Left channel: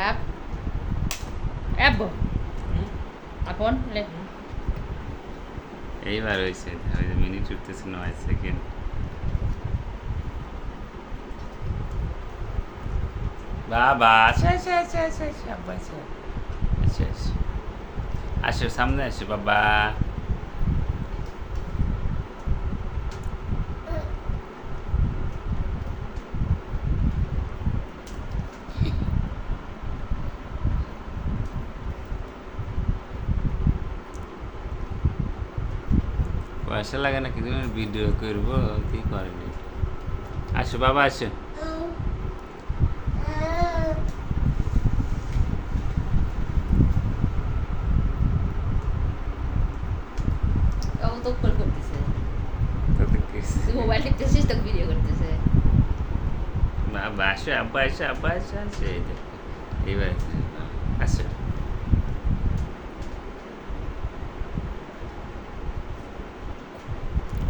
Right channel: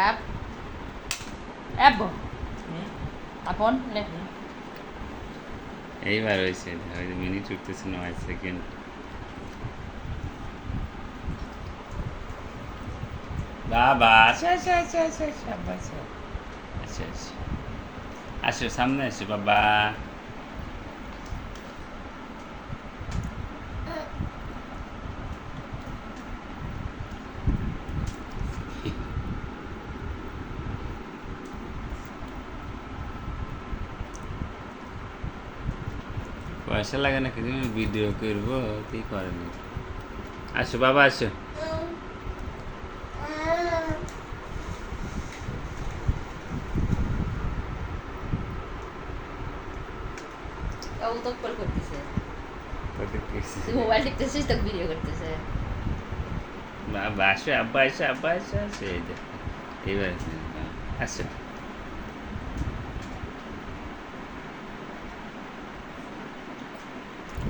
খারাপ আব্বু আপন লে এইবার হয়েছে মিনিট উঠতেছে 9 সেকেন্ড বাবা আচ্ছা আচ্ছা আচ্ছা আচ্ছা আচ্ছা আব্বা আচ্ছা আচ্ছা আচ্ছা আসো সামনে আসো বাবা পয়সা লাগে না কিন্তু ভিডিও করবো কি করেনি আসো বাবা আসো ও তো কল করতেছে তোদের তুই মোবাইল টিপতেছিস তো ভিডিও করতেছে বাবা আসো আব্বা আসো আব্বা আসো আসো এই যে এইবার আসো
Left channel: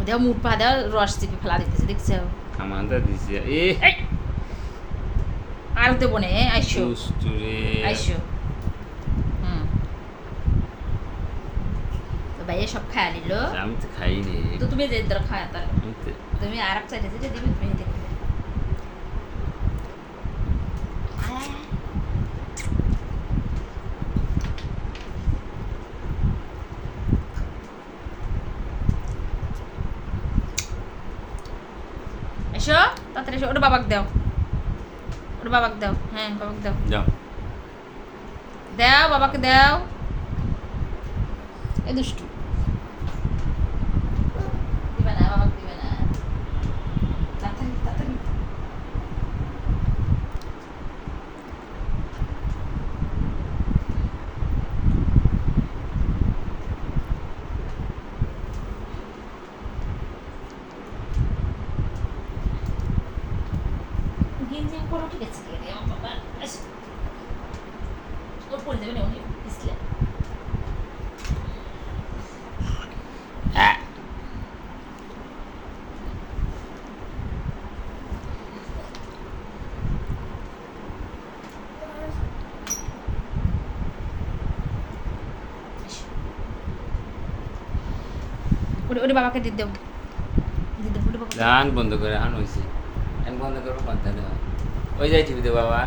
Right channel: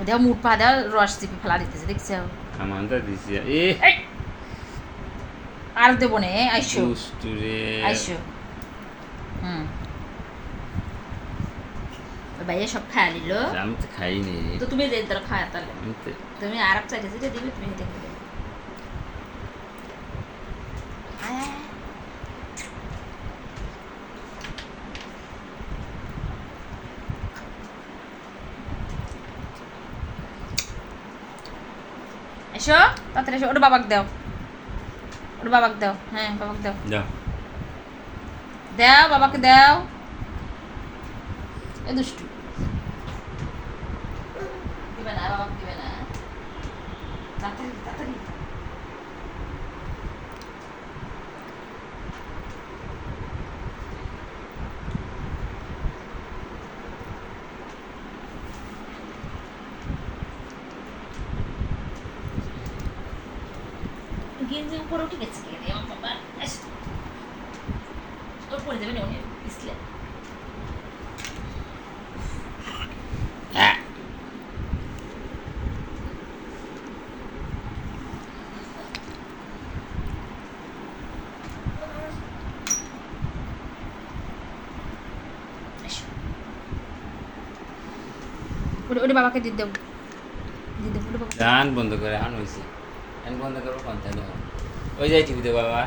দেও মুঠ পা দেও রস চিপে ফেলা দিতেছে দেখছো খামানটা দিছি এ আর দেবো নে আইসো দুষ্টুরে আইসো ভাইয়া সব খায় নিল আমি তো খাইনি তো তুমি যে ধরো খায় তাহলে আমি তো তুমি আরব চাইতে যেটা দিবে তুমি হেঁটে খেলে এসো তাড়াতাড়ি এসো ওটা বাবাকে দাও ওটা বাবাকে দাও হ্যাঁ বাবাকে দাও যাও দাও বাবাকে দাও এ দুষ্টু দিবে না বাবাকে দিবে না তাড়াতাড়ি তাড়াতাড়ি গেঞ্জি উপরে উঠে গেছে কে রে আমার বাবা এসো ওর পরে দেবে না অনেক পিছলে ওরে বাবাকে দিয়ে দেবো দিয়ে দেবো ওরে বাবা গান বন্ধ করে আন হয়েছে গান বন্ধ করবো কথা ওই যাই টিভিতে বাবা